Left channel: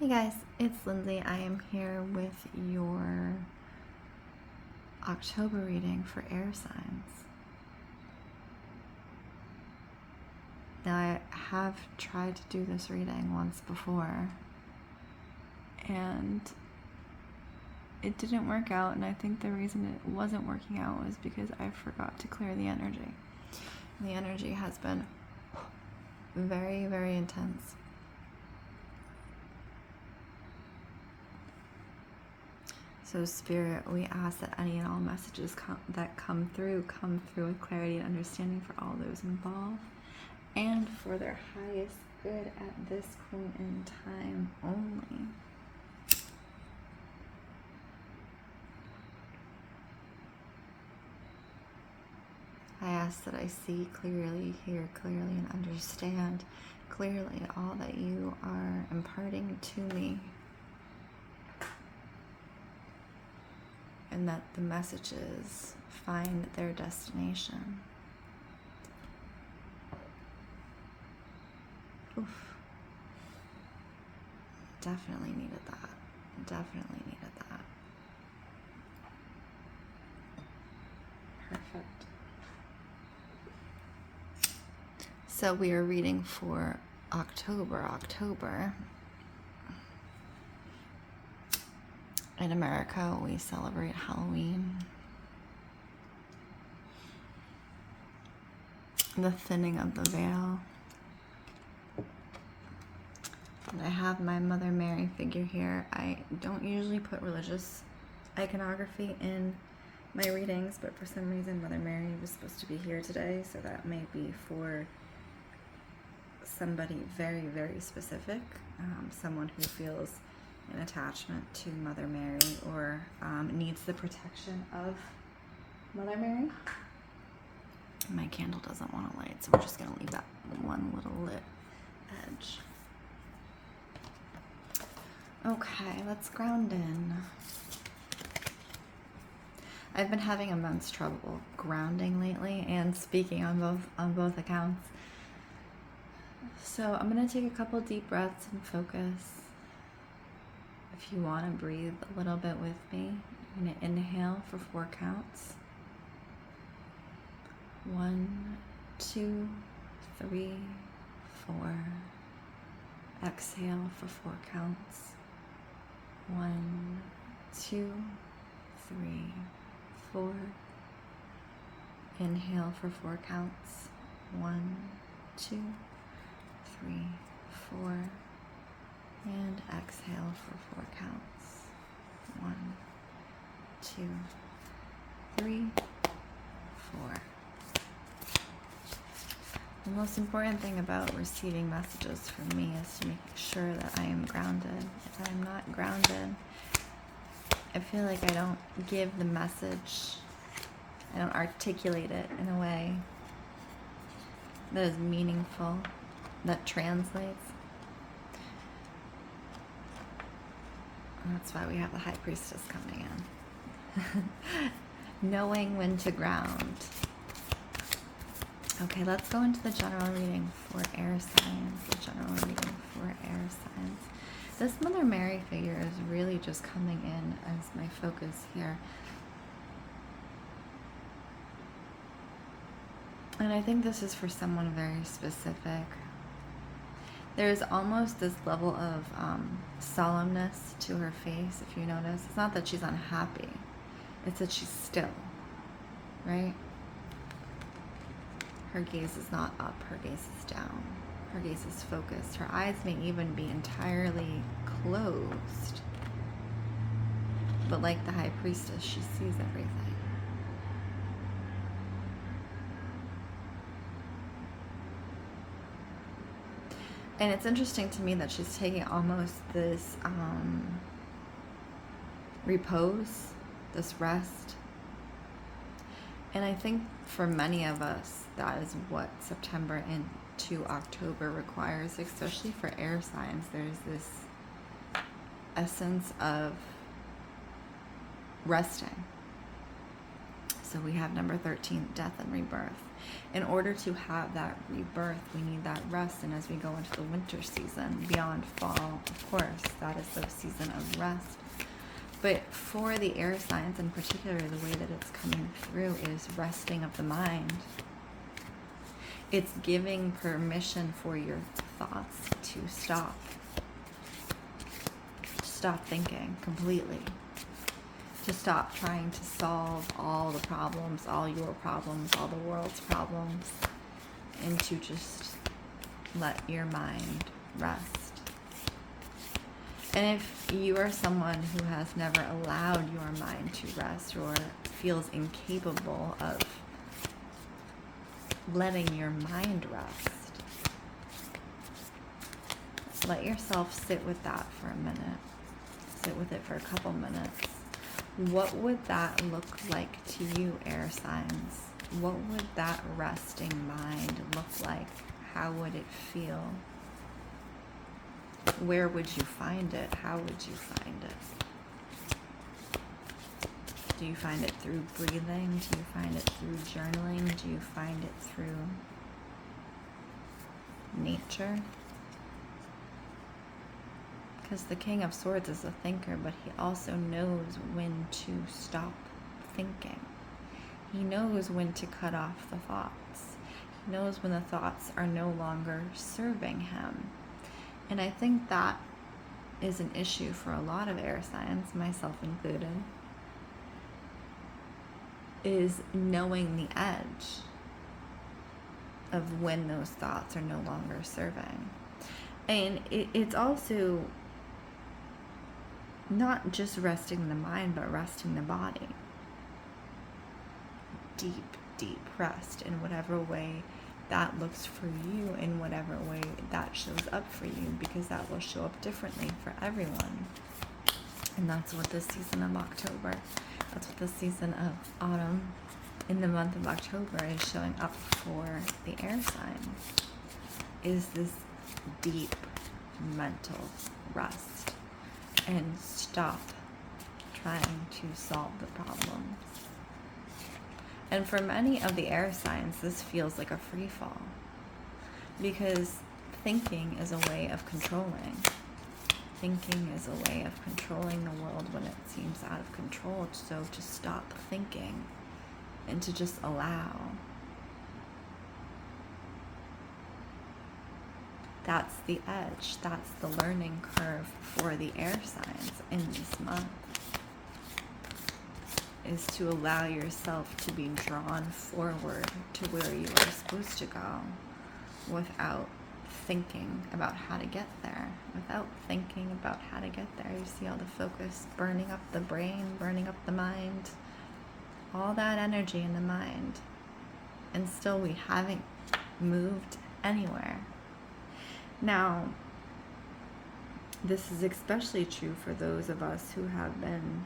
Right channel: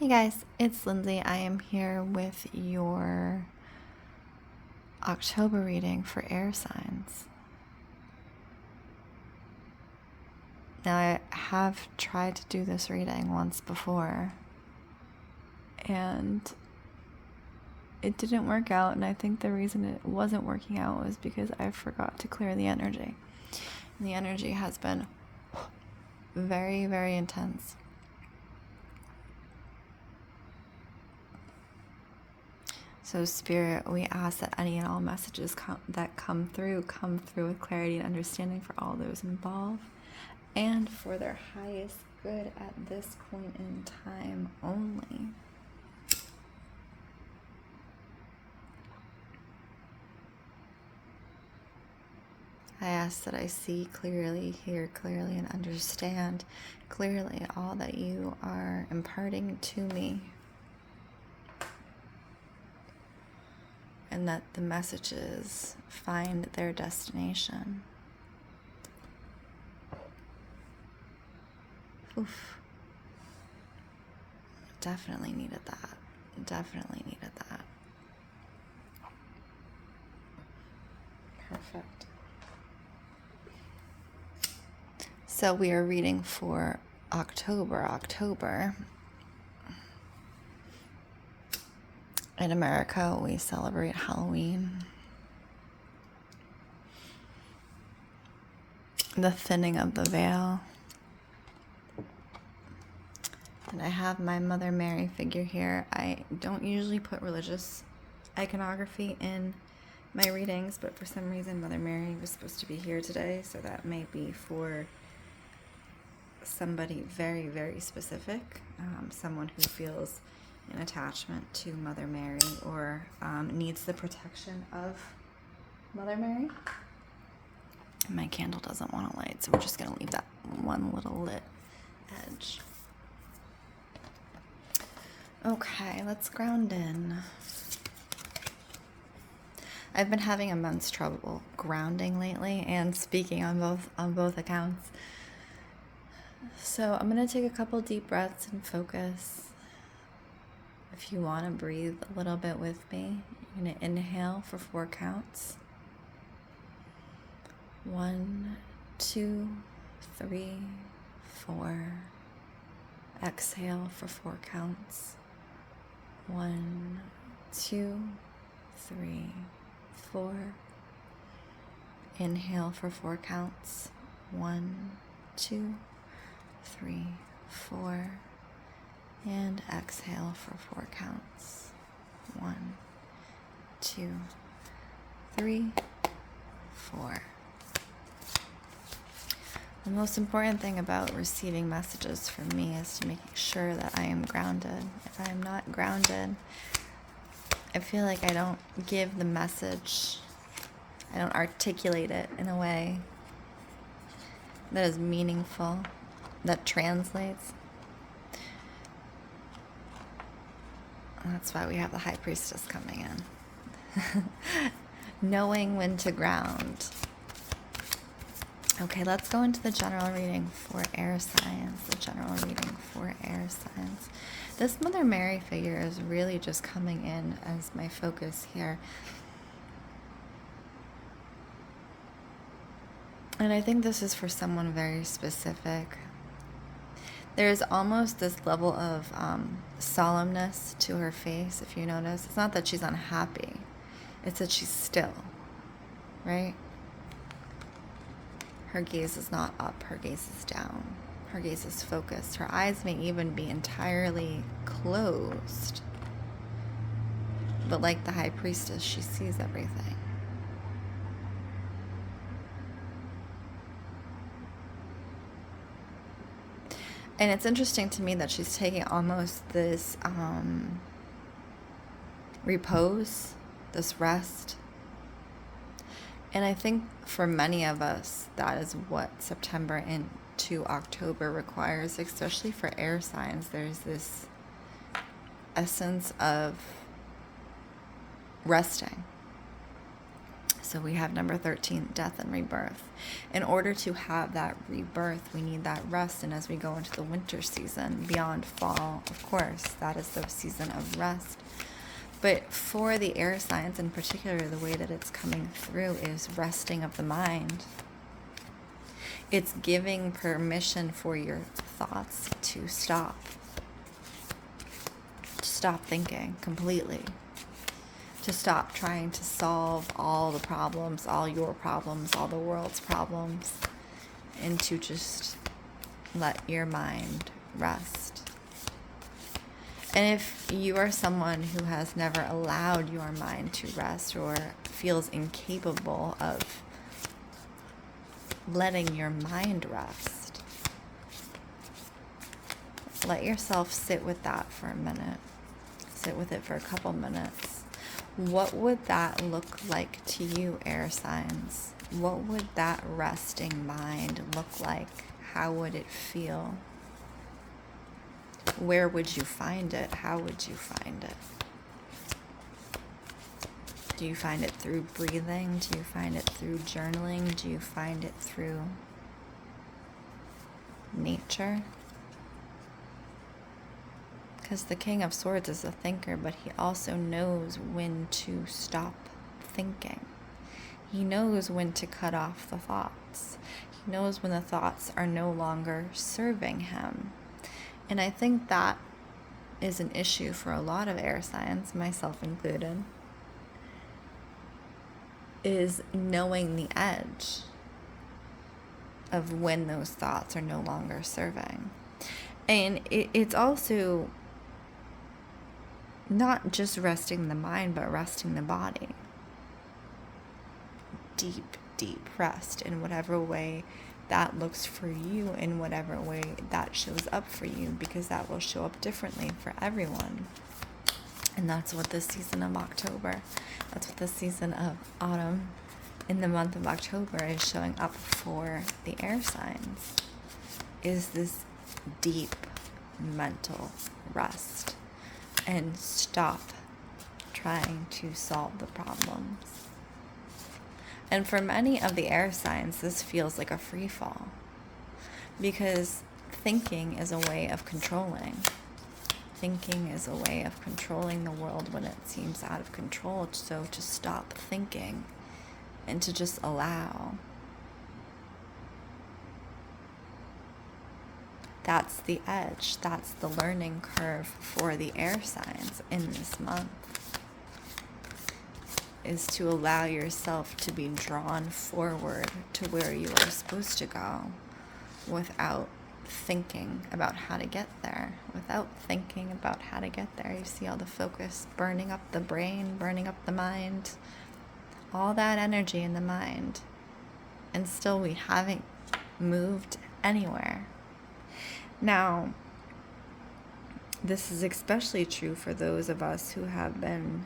Hey guys, it's Lindsay. I am here with your October reading for air signs. Now, I have tried to do this reading once before, and it didn't work out, and I think the reason it wasn't working out was because I forgot to clear the energy. And the energy has been very, very intense. So Spirit, we ask that any and all messages that come through with clarity and understanding for all those involved and for their highest good at this point in time only. I ask that I see clearly, hear clearly, and understand clearly all that you are imparting to me. And that the messages find their destination. Oof. Definitely needed that. Definitely needed that. Perfect. So we are reading for October. In America, we celebrate Halloween. The thinning of the veil. And I have my Mother Mary figure here. I don't usually put religious iconography in my readings, but for some reason Mother Mary was supposed to be here today, so that may be for somebody very, very specific, someone who feels an attachment to Mother Mary or needs the protection of Mother Mary. My candle doesn't want to light, so we're just going to leave that one little lit edge. Okay, let's ground in. I've been having immense trouble grounding lately and speaking on both accounts. So I'm going to take a couple deep breaths and focus. If you want to breathe a little bit with me, you're going to inhale for 4 counts. 1, 2, 3, 4. Exhale for 4 counts. 1, 2, 3, 4. Inhale for 4 counts. 1, 2, 3, 4. And exhale for 4 counts. 1, 2, 3, 4. The most important thing about receiving messages from me is to make sure that I am grounded. If I am not grounded, I feel like I don't give the message, I don't articulate it in a way that is meaningful, that translates. That's why we have the High Priestess coming in. Knowing when to ground. Okay, let's go into the general reading for air signs. This Mother Mary figure is really just coming in as my focus here. And I think this is for someone very specific. There's almost this level of solemnness to her face, if you notice. It's not that she's unhappy. It's that she's still, right? Her gaze is not up. Her gaze is down. Her gaze is focused. Her eyes may even be entirely closed. But like the High Priestess, she sees everything. And it's interesting to me that she's taking almost this repose, this rest. And I think for many of us, that is what September into October requires, especially for air signs. There's this essence of resting. So we have number 13, death and rebirth. In order to have that rebirth, we need that rest. And as we go into the winter season, beyond fall, of course, that is the season of rest. But for the air signs in particular, the way that it's coming through is resting of the mind. It's giving permission for your thoughts to stop. To stop thinking completely. To stop trying to solve all the problems, all your problems, all the world's problems, and to just let your mind rest. And if you are someone who has never allowed your mind to rest or feels incapable of letting your mind rest, let yourself sit with that for a minute. Sit with it for a couple minutes. What would that look like to you, air signs? What would that resting mind look like? How would it feel? Where would you find it? How would you find it? Do you find it through breathing? Do you find it through journaling? Do you find it through nature? Because the King of Swords is a thinker, but he also knows when to stop thinking. He knows when to cut off the thoughts. He knows when the thoughts are no longer serving him. And I think that is an issue for a lot of air signs, myself included, is knowing the edge of when those thoughts are no longer serving. And it's also not just resting the mind, but resting the body. Deep, deep rest in whatever way that looks for you, in whatever way that shows up for you, because that will show up differently for everyone. And that's what this season of October, that's what this season of autumn in the month of October is showing up for the air signs, is this deep mental rest. And stop trying to solve the problems. And for many of the air signs, this feels like a free fall, because thinking is a way of controlling. Thinking is a way of controlling the world when it seems out of control. So to stop thinking and to just allow. That's the edge. That's the learning curve for the air signs in this month, is to allow yourself to be drawn forward to where you are supposed to go without thinking about how to get there. Without thinking about how to get there. You see all the focus burning up the brain, burning up the mind, all that energy in the mind, and still we haven't moved anywhere. Now, this is especially true for those of us who have been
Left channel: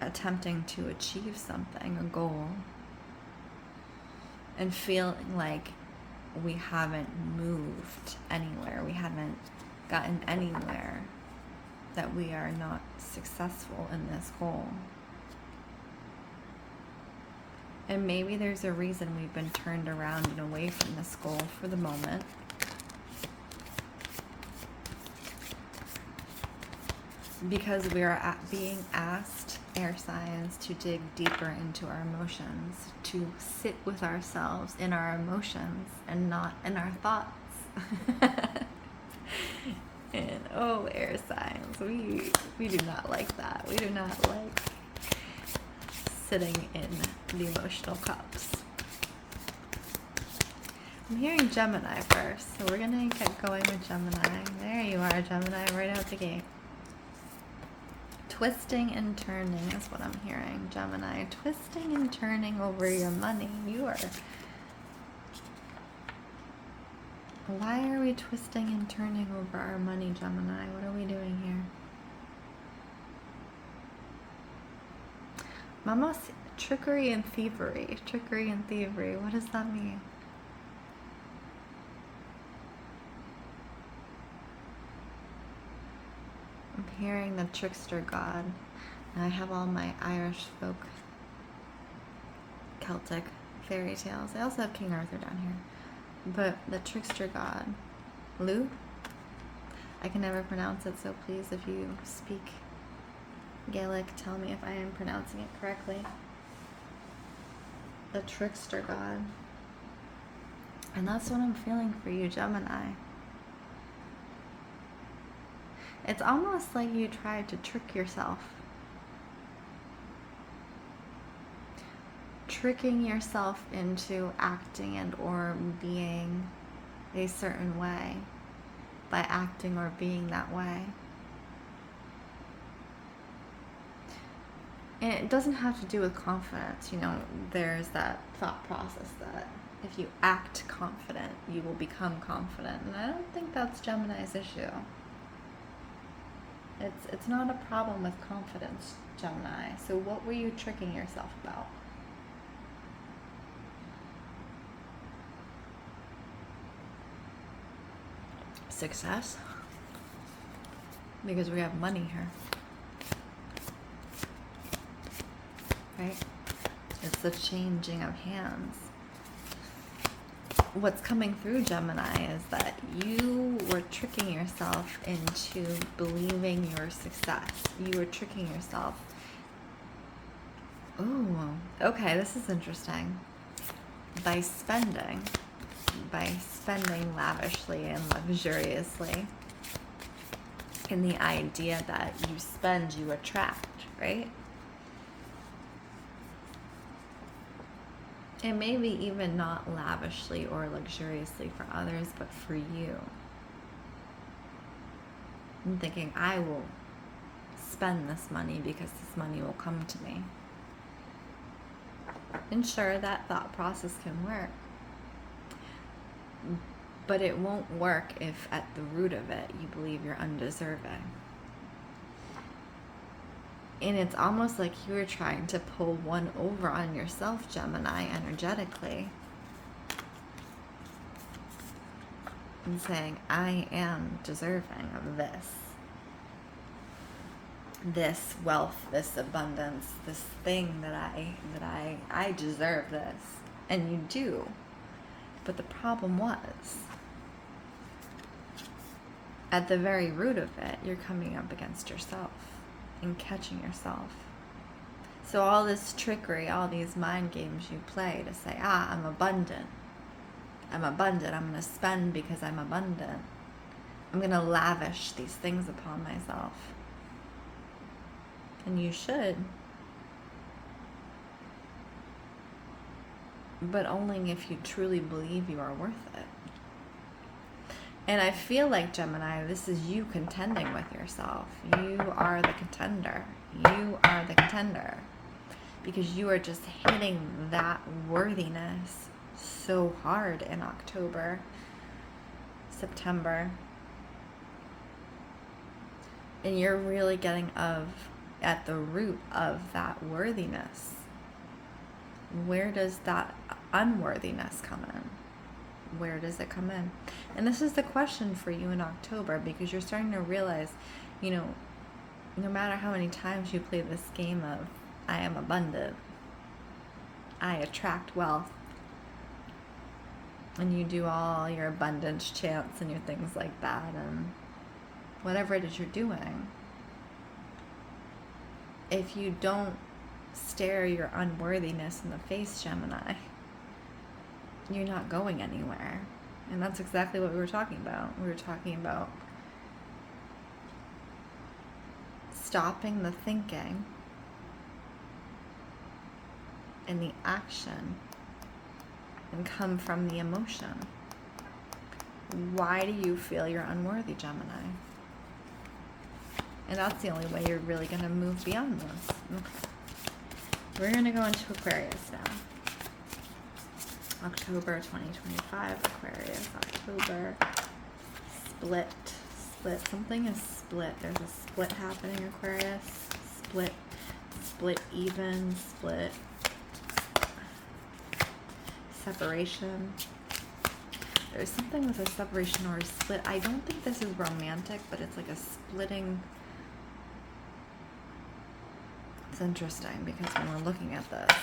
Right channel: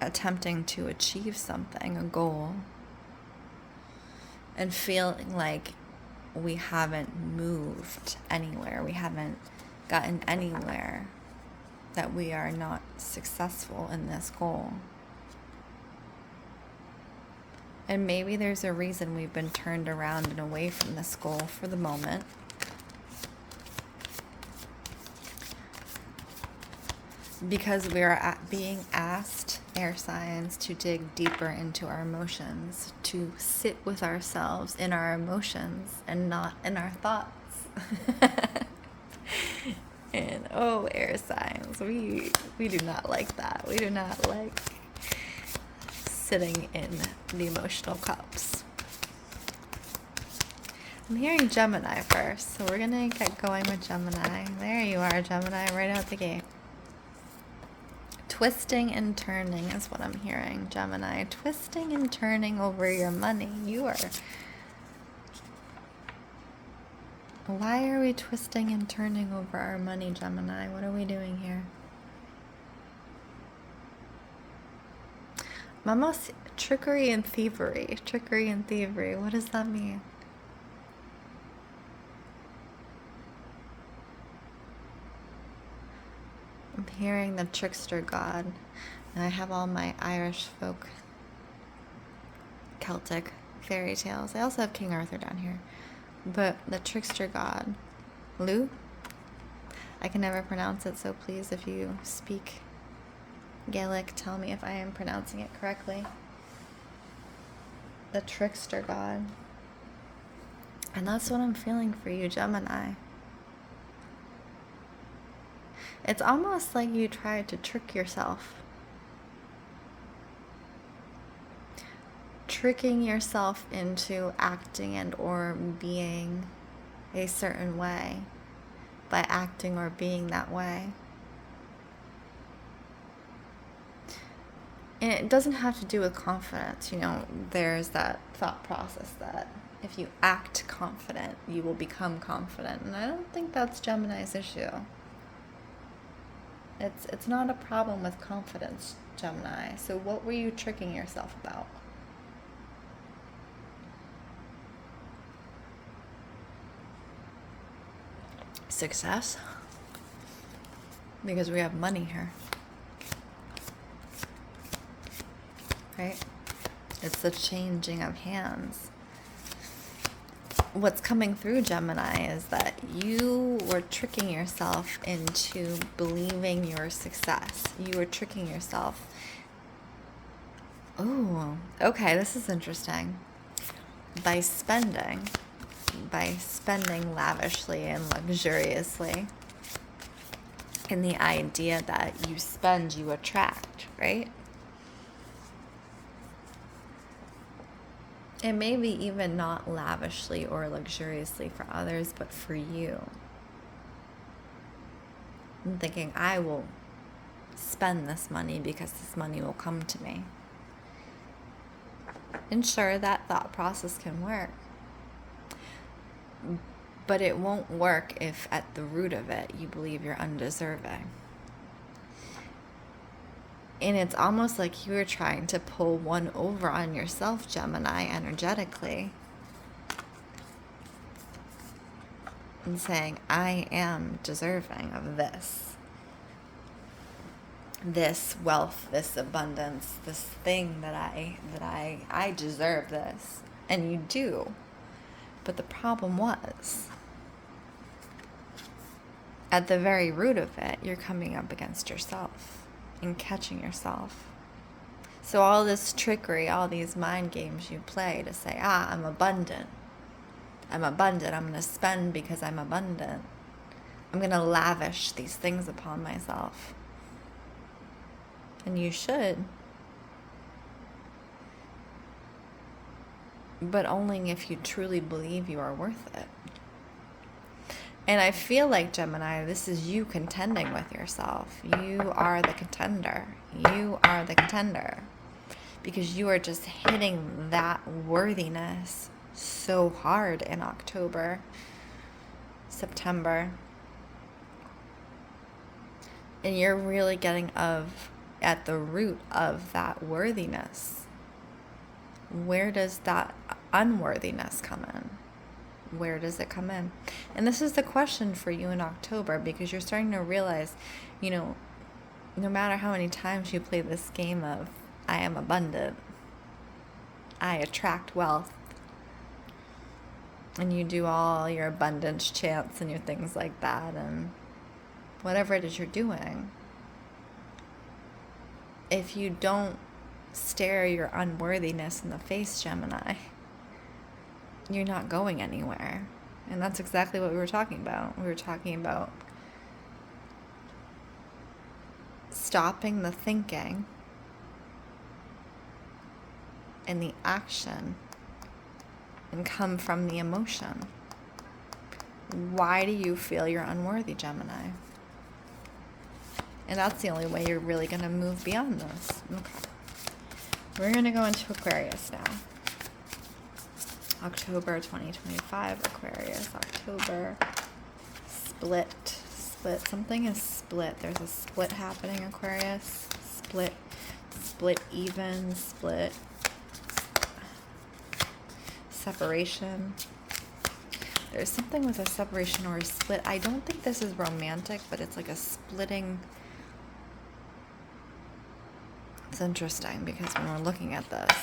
attempting to achieve something, a goal, and feeling like we haven't moved anywhere, we haven't gotten anywhere, that we are not successful in this goal. And maybe there's a reason we've been turned around and away from this goal for the moment. Because we are being asked, air signs, to dig deeper into our emotions, to sit with ourselves in our emotions and not in our thoughts. And oh, air signs, we do not like that. We do not like sitting in the emotional cups. I'm hearing Gemini first, so we're gonna get going with Gemini. There you are, Gemini, right out the gate. Twisting and turning is what I'm hearing, Gemini. Twisting and turning over your money. Why are we twisting and turning over our money, Gemini? What are we doing here? Almost trickery and thievery. Trickery and thievery. What does that mean? I'm hearing the trickster god. And I have all my Irish folk Celtic fairy tales. I also have King Arthur down here. But the trickster god, Lugh? I can never pronounce it, so please, if you speak Gaelic, tell me if I am pronouncing it correctly. The trickster god. And that's what I'm feeling for you, Gemini. It's almost like you tried to trick yourself. Tricking yourself into acting and or being a certain way by acting or being that way. And it doesn't have to do with confidence. You know, there's that thought process that if you act confident, you will become confident. And I don't think that's Gemini's issue. It's not a problem with confidence, Gemini. So what were you tricking yourself about? Success? Because we have money here. Right? It's the changing of hands. What's coming through, Gemini, is that you were tricking yourself into believing your success. You were tricking yourself. Ooh, okay, this is interesting. By spending lavishly and luxuriously. And the idea that you spend, you attract, right? And maybe even not lavishly or luxuriously for others, but for you. I'm thinking, I will spend this money because this money will come to me. And sure, that thought process can work. But it won't work if at the root of it you believe you're undeserving. And it's almost like you were trying to pull one over on yourself, Gemini, energetically. And saying, I am deserving of this. This wealth, this abundance, this thing that I deserve this. And you do. But the problem was, at the very root of it, you're coming up against yourself and catching yourself. So all this trickery, all these mind games you play to say, I'm abundant. I'm abundant. I'm going to spend because I'm abundant. I'm going to lavish these things upon myself. And you should. But only if you truly believe you are worth it. And I feel like, Gemini, this is you contending with yourself. You are the contender. You are the contender. Because you are just hitting that worthiness so hard in October, September. And you're really getting at the root of that worthiness. Where does that unworthiness come in? Where does it come in? And this is the question for you in October, because you're starting to realize, no matter how many times you play this game of, I am abundant, I attract wealth, and you do all your abundance chants and your things like that, and whatever it is you're doing, if you don't stare your unworthiness in the face, Gemini, you're not going anywhere. And that's exactly what we were talking about. We were talking about stopping the thinking and the action and come from the emotion. Why do you feel you're unworthy, Gemini? And that's the only way you're really going to move beyond this. Okay. We're going to go into Aquarius now. October 2025, Aquarius. October. Split. Something is split. There's a split happening, Aquarius. Split even. Split. Separation. There's something with a separation or a split. I don't think this is romantic, but it's like a splitting. It's interesting because when we're looking at this,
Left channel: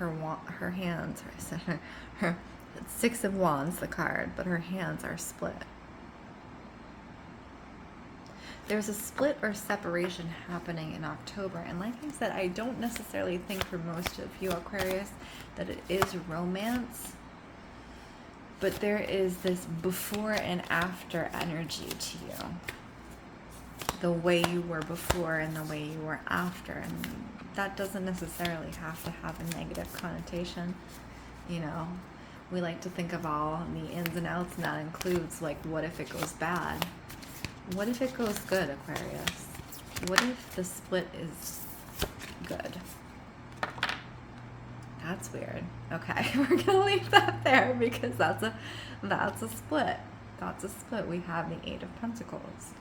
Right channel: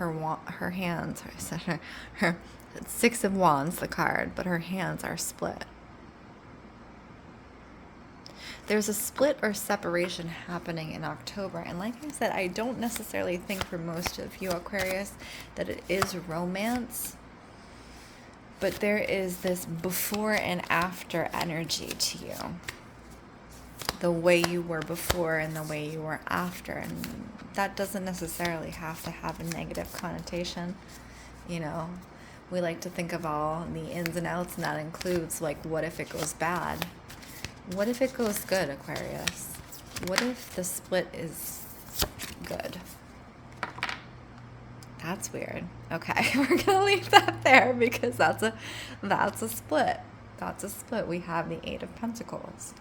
her hands, her Six of Wands, the card, but her hands are split. There's a split or separation happening in October. And like I said, I don't necessarily think for most of you Aquarius that it is romance. But there is this before and after energy to you. The way you were before and the way you were after. And that doesn't necessarily have to have a negative connotation. You know, we like to think of all the ins and outs, and that includes, like, what if it goes bad? What if it goes good, Aquarius? What if the split is good? That's weird. Okay, we're gonna leave that there because that's a split. That's a split. We have the Eight of Pentacles.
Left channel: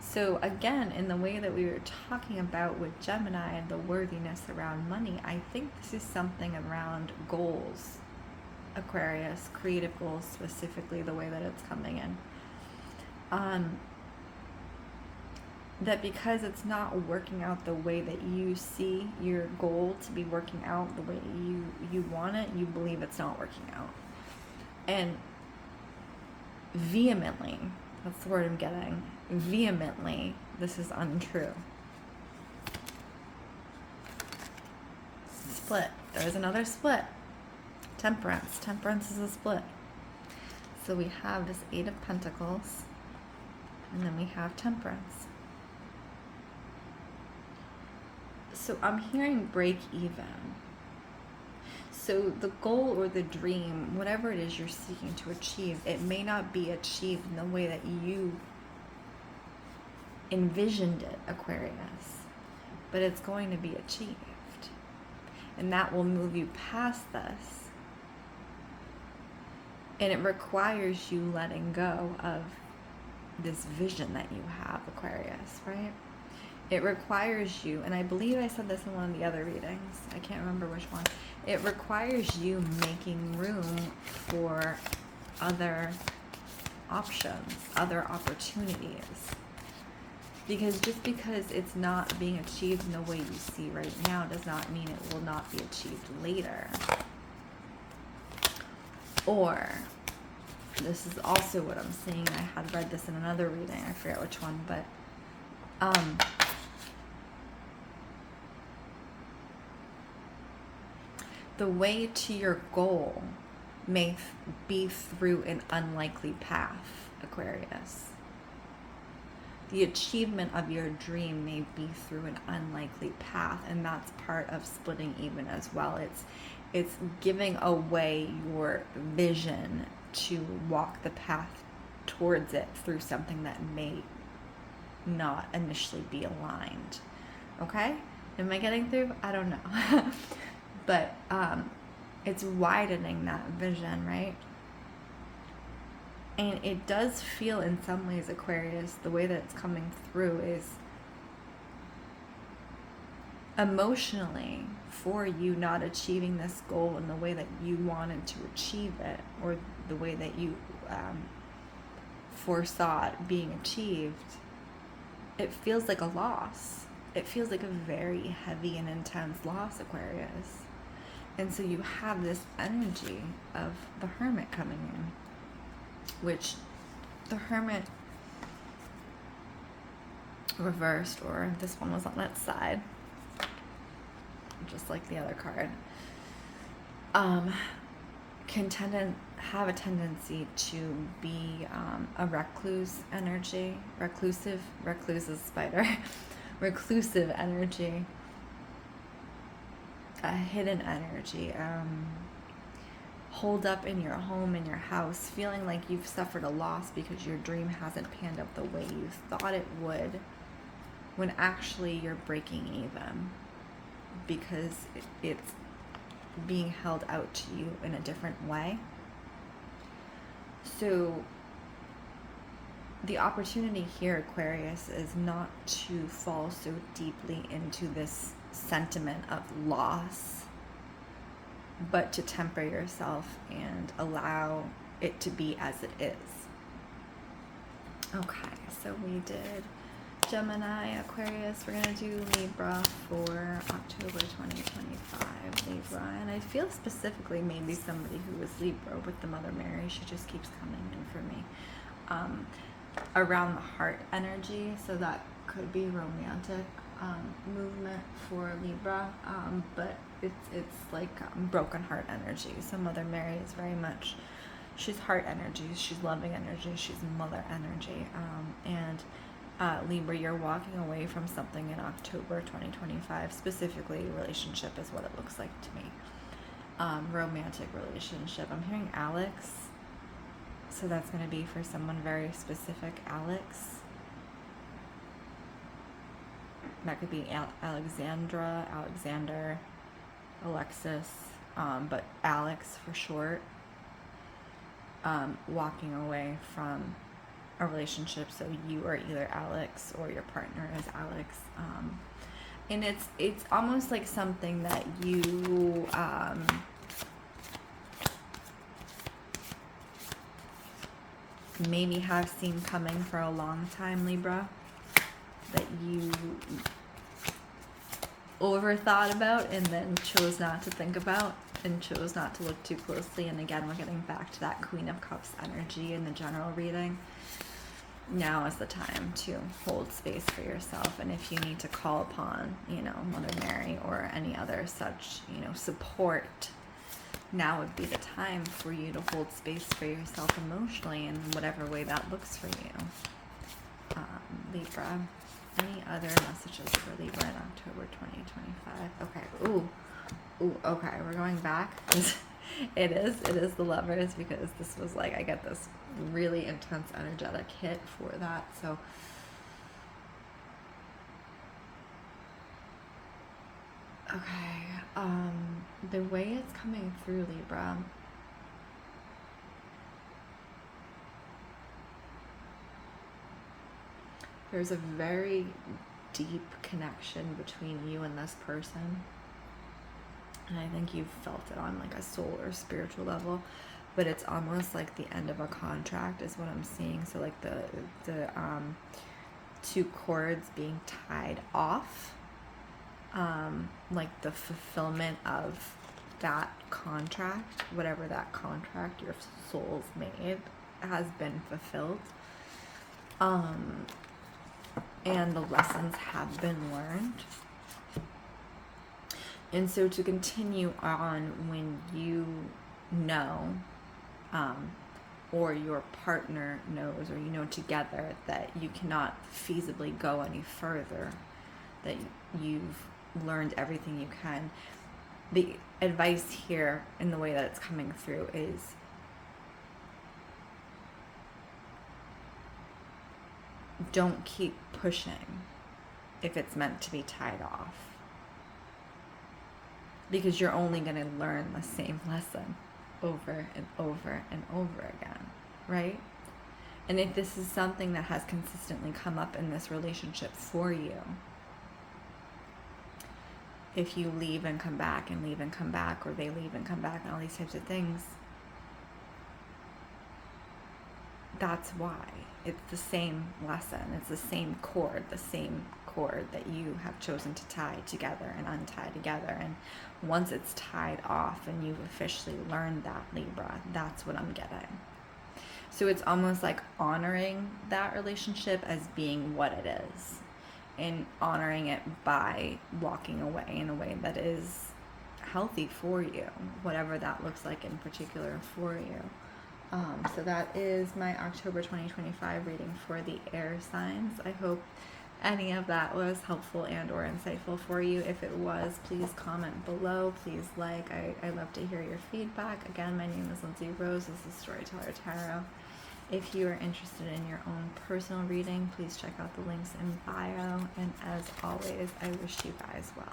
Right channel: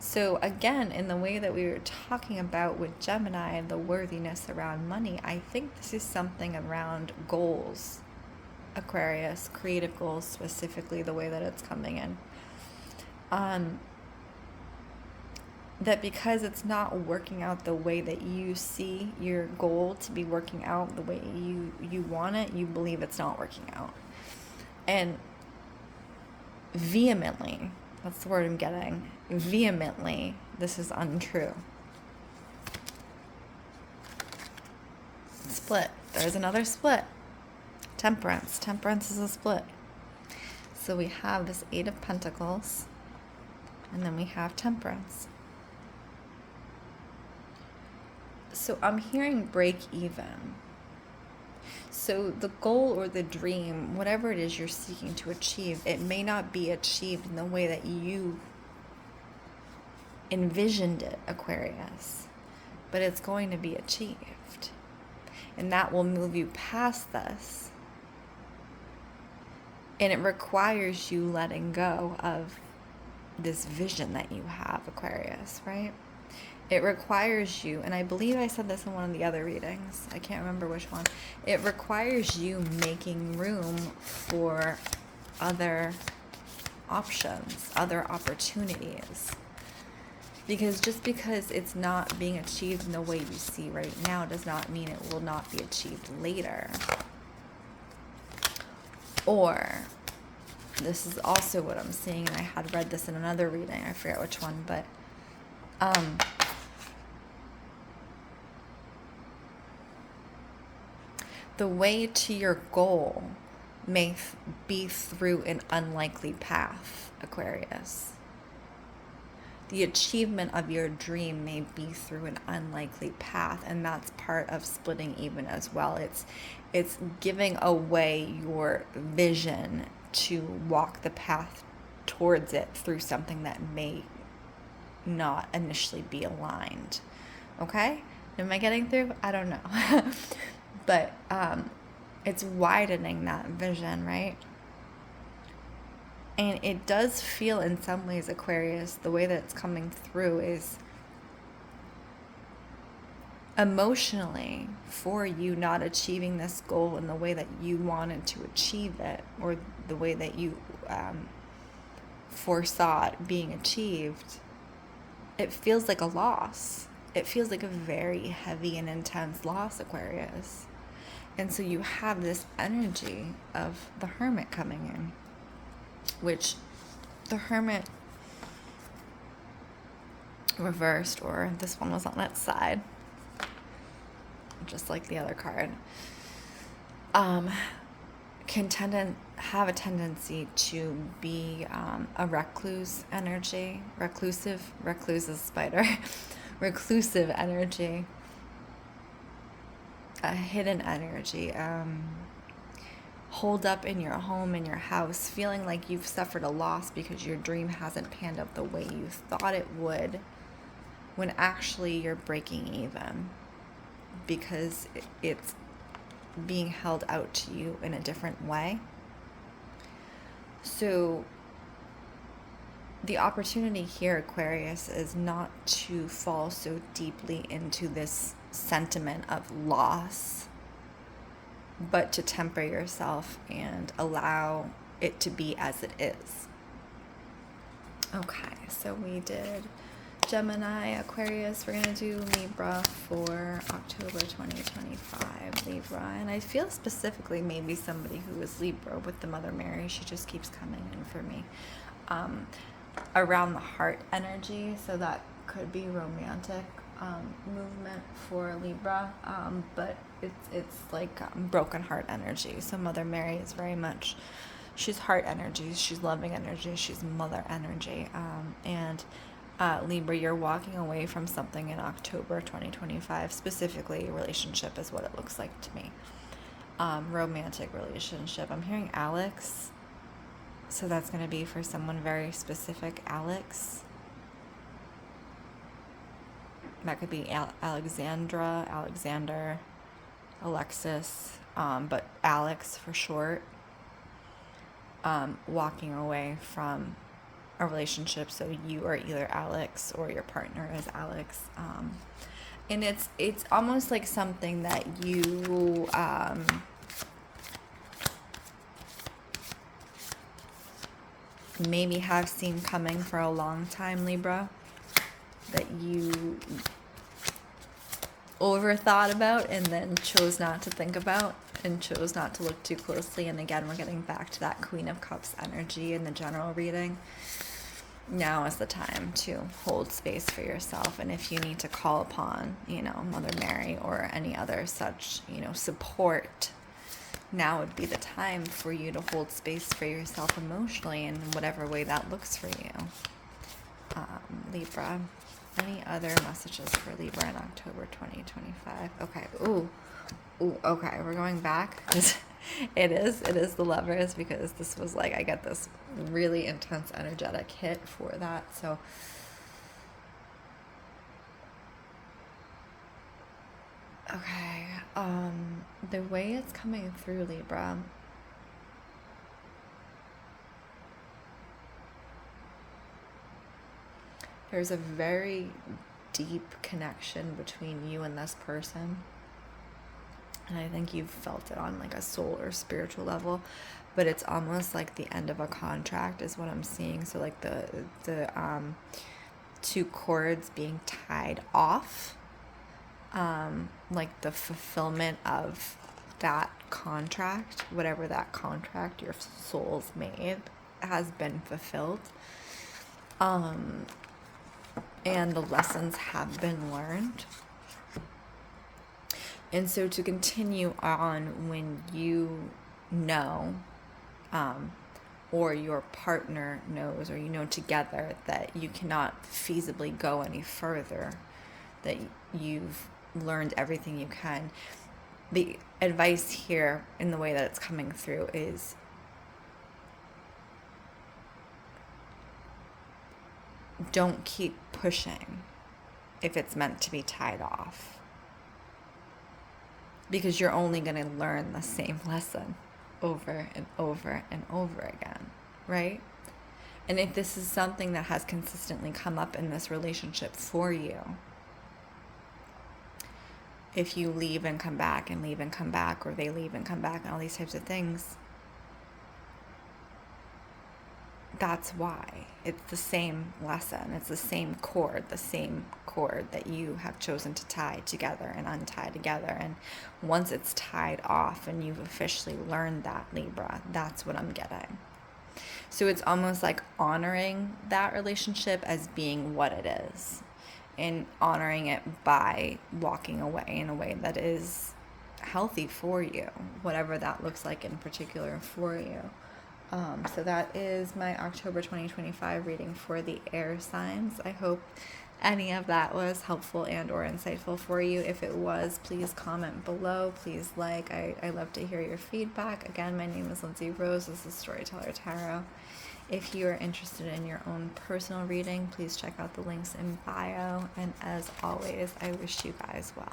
So again, in the way that we were talking about with Gemini and the worthiness around money, I think this is something around goals, Aquarius, creative goals specifically, the way that it's coming in. That because it's not working out the way that you see your goal to be working out, the way you want it, you believe it's not working out. And vehemently, that's the word I'm getting, vehemently, this is untrue. Split. There's another split. Temperance. Temperance is a split. So we have this Eight of Pentacles, and then we have Temperance. So I'm hearing break even. So the goal or the dream, whatever it is you're seeking to achieve, it may not be achieved in the way that you envisioned it, Aquarius, but it's going to be achieved. And that will move you past this. And it requires you letting go of this vision that you have, Aquarius, right? It requires you, and I believe I said this in one of the other readings, I can't remember which one. It requires you making room for other options, other opportunities. Because just because it's not being achieved in the way you see right now does not mean it will not be achieved later. Or, this is also what I'm seeing, and I had read this in another reading, I forget which one, but the way to your goal may be through an unlikely path, Aquarius. The achievement of your dream may be through an unlikely path, and that's part of splitting even as well. It's giving away your vision to walk the path towards it through something that may not initially be aligned. Okay? Am I getting through? I don't know. But it's widening that vision, right? And it does feel in some ways, Aquarius, the way that it's coming through is emotionally for you not achieving this goal in the way that you wanted to achieve it, or the way that you foresaw it being achieved. It feels like a loss. It feels like a very heavy and intense loss, Aquarius. And so you have this energy of the Hermit coming in, which the Hermit reversed, or this one was on its side, just like the other card, can have a tendency to be a recluse energy, recluse is spider, reclusive energy, a hidden energy, hold up in your home, in your house, feeling like you've suffered a loss because your dream hasn't panned out the way you thought it would, when actually you're breaking even because it's being held out to you in a different way. So the opportunity here, Aquarius, is not to fall so deeply into this sentiment of loss, but to temper yourself and allow it to be as it is. Okay, so we did Gemini, Aquarius. We're going to do Libra for October 2025, Libra. And I feel specifically maybe somebody who is Libra with the Mother Mary. She just keeps coming in for me. Around the heart energy, so that could be romantic movement for Libra, but it's like broken heart energy. So Mother Mary is very much, she's heart energy, she's loving energy, she's mother energy, and Libra, you're walking away from something in October 2025, specifically relationship is what it looks like to me. Romantic relationship. I'm hearing Alex, so that's going to be for someone very specific. That could be Alexandra, Alexander, Alexis, but Alex for short. Walking away from a relationship, so you are either Alex or your partner is Alex, and it's almost like something that you maybe have seen coming for a long time, Libra, that you overthought about and then chose not to think about and chose not to look too closely. And again, we're getting back to that Queen of Cups energy in the general reading. Now is the time to hold space for yourself, and if you need to call upon, Mother Mary or any other such, support, now would be the time for you to hold space for yourself emotionally in whatever way that looks for you. Libra. Any other messages for Libra in October 2025? Okay. Ooh, okay. We're going back. It is the Lovers, because this was like, I get this really intense energetic hit for that. So okay. The way it's coming through, Libra, there's a very deep connection between you and this person. And I think you've felt it on like a soul or spiritual level, but it's almost like the end of a contract is what I'm seeing. So like the two cords being tied off, like the fulfillment of that contract, whatever that contract your soul's made, has been fulfilled. And the lessons have been learned. And so to continue on when you know, or your partner knows, or together that you cannot feasibly go any further, that you've learned everything you can. The advice here in the way that it's coming through is don't keep pushing if it's meant to be tied off, because you're only going to learn the same lesson over and over and over again, right? And if this is something that has consistently come up in this relationship for you, if you leave and come back and leave and come back, or they leave and come back and all these types of things, that's why. It's the same lesson. It's the same cord that you have chosen to tie together and untie together. And once it's tied off and you've officially learned that, Libra, that's what I'm getting. So it's almost like honoring that relationship as being what it is, and honoring it by walking away in a way that is healthy for you, whatever that looks like in particular for you. So that is my October 2025 reading for the air signs. I hope any of that was helpful and or insightful for you. If it was, please comment below. Please like. I love to hear your feedback. Again, my name is Lindsey Rose. This is Storyteller Tarot. If you are interested in your own personal reading, please check out the links in bio. And as always, I wish you guys well.